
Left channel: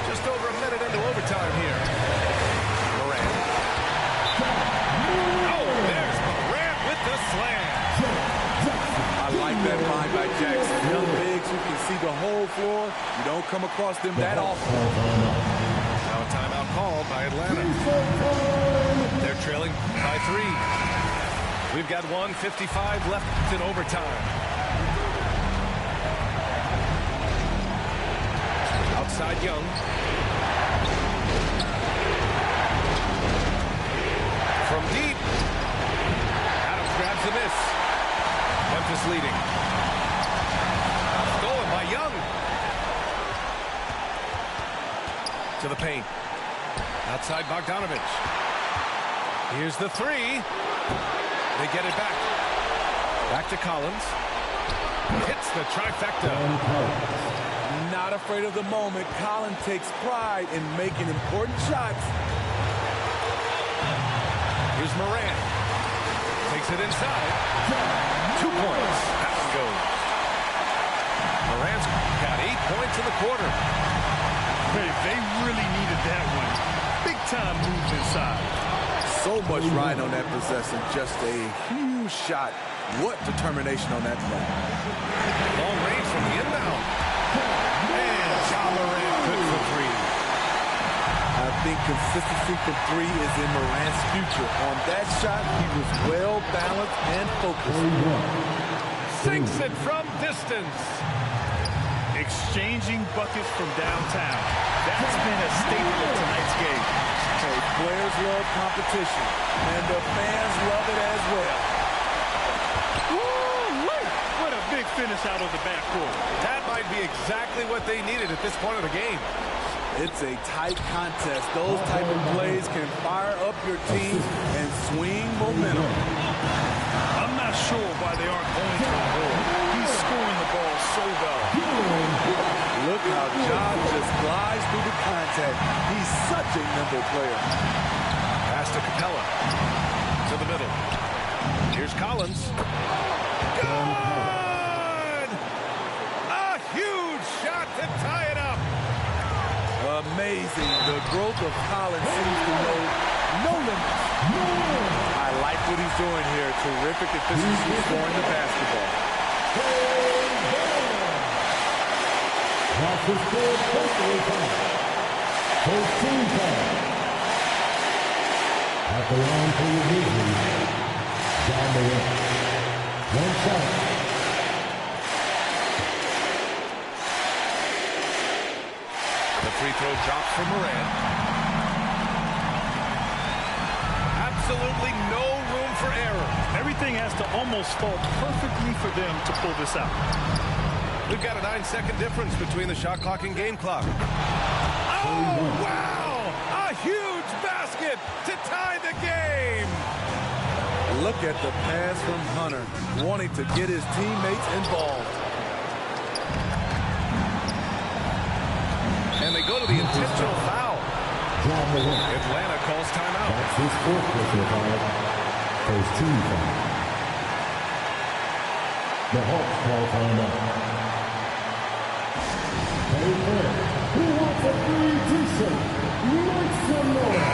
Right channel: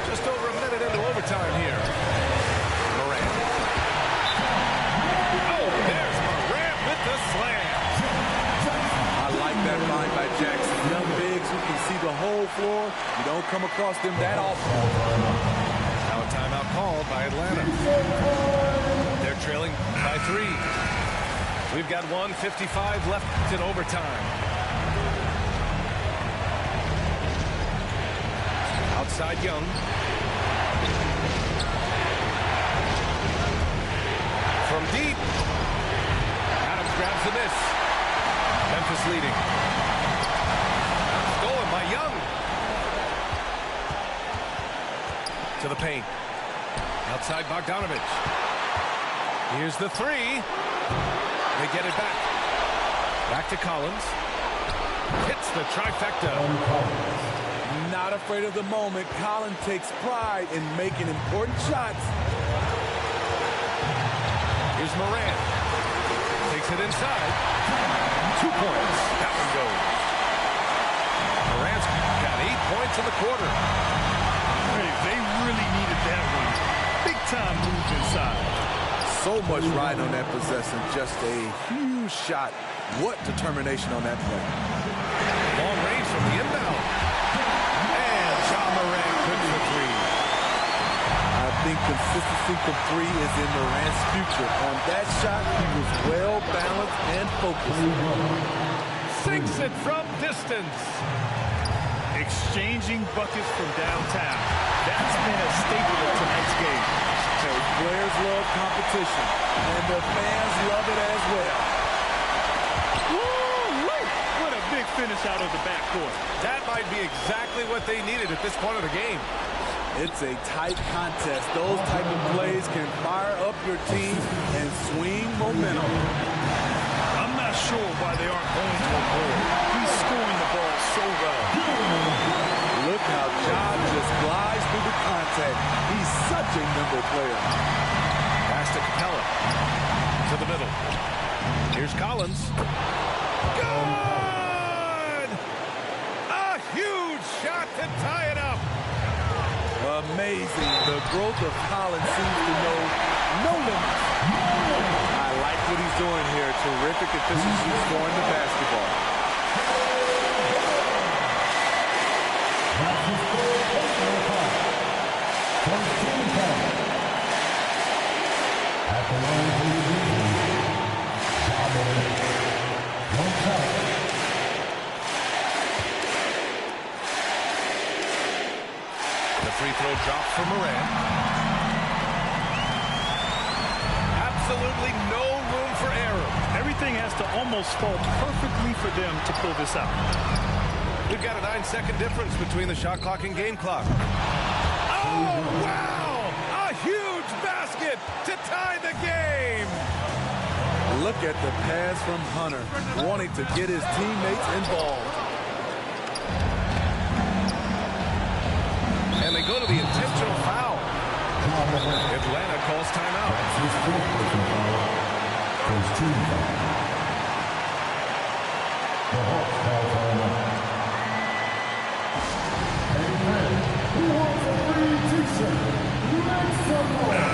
Just over a minute into overtime here. Morant. Oh, there's Morant with the slam. I like that find by Jackson. Young bigs who can see the whole floor. You don't come across them that often. Now a timeout called by Atlanta. They're trailing by 3. We've got 1:55 left in overtime. Outside Young. From deep. Adams grabs the miss. Memphis leading. Stolen by Young. To the paint. Outside Bogdanovic. Here's the 3. They get it back. Back to Collins. Hits the trifecta. Not afraid of the moment. Collins takes pride in making important shots. Here's Morant. Takes it inside. 2 points. That one goes. Morant's got 8 points in the quarter. Hey, they really needed that one. Big time moves inside. So much riding on that possession. Just a huge shot. What determination on that play. Long range from the inbound. And Ja Morant good for 3. I think consistency from 3 is in Morant's future. On that shot, he was well balanced and focused. Sinks it from distance. Exchanging buckets from downtown. That's been a staple of tonight's game. Hey, players love competition, and the fans love it as well. Woo-wee! What a big finish out of the backcourt. That might be exactly what they needed at this point of the game. It's a tight contest. Those type of plays can fire up your team and swing momentum. I'm not sure why they aren't going to him more. He's scoring the ball so well. Look how Ja just glides through the contact. He's such a nimble player. Pass to Capella. To the middle. Here's Collins. Good! A huge shot to tie it up. Amazing. The growth of Collins seems to know no limits. I like what he's doing here. Terrific efficiency scoring the basketball. That's his third personal foul. First team foul. At the line for the Grizzlies, Ja Morant. One shot. The free throw drops for Morant. Absolutely no room for error. Everything has to almost fall perfectly for them to pull this out. We've got a 9-second difference between the shot clock and game clock. Oh, wow! A huge basket to tie the game! Look at the pass from Hunter, wanting to get his teammates involved. And they go to the intentional foul. Atlanta calls timeout. That's his fourth personal foul. First team foul. The Hawks call timeout. Amen. Who wants a free t-shirt? Make some noise.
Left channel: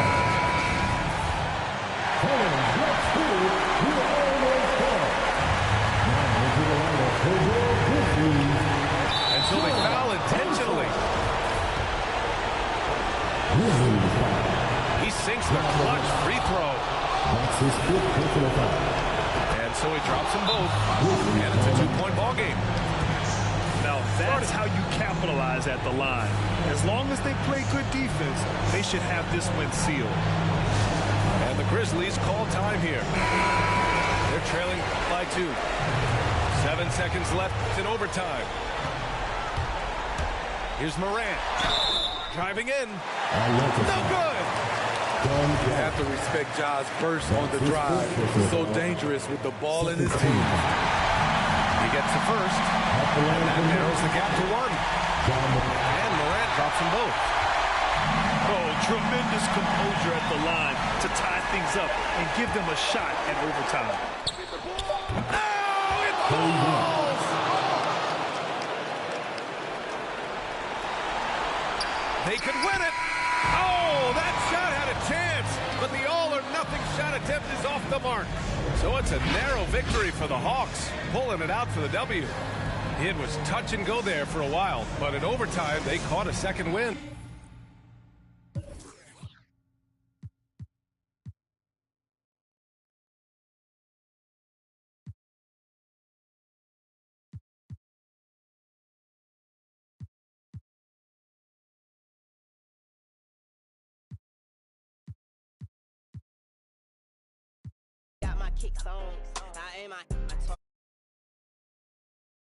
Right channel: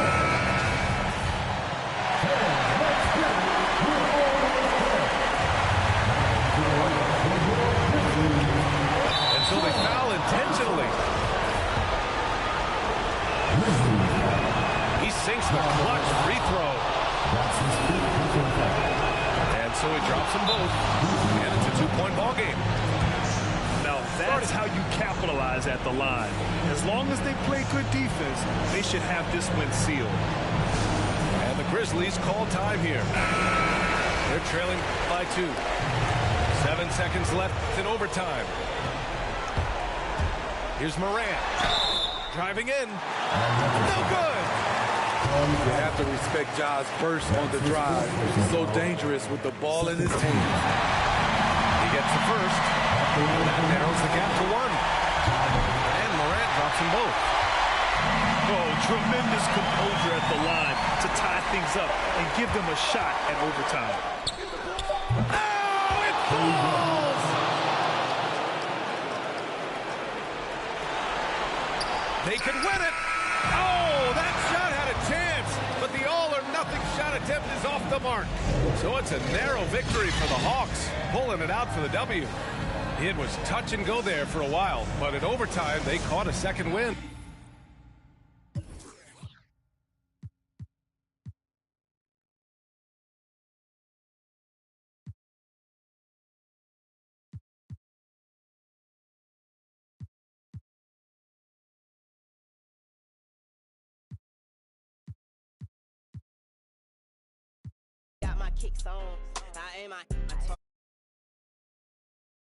Fans, let's get it. We're almost there. Now into the lineup for your Grizzlies. And so they foul intentionally. He sinks the clutch free throw. That's his fifth personal foul. And so he drops them both. And it's a 2-point ball game. Now that's how you capitalize at the line. As long as they play good defense, they should have this win sealed. And the Grizzlies call time here. They're trailing by 2. 7 seconds left in overtime. Here's Morant. Driving in. No good. You have to respect Ja's burst on the drive. He's so dangerous with the ball in his hands. He gets the first, and that narrows the gap to 1. And Morant drops them both. Oh, tremendous composure at the line to tie things up and give them a shot at overtime. Oh, it falls! They could win it. Oh, that shot had a chance, but the all-or-nothing shot attempt is off the mark. So it's a narrow victory for the Hawks, pulling it out for the W. It was touch and go there for a while, but in overtime, they caught a second win. Got my kicks on. I aim my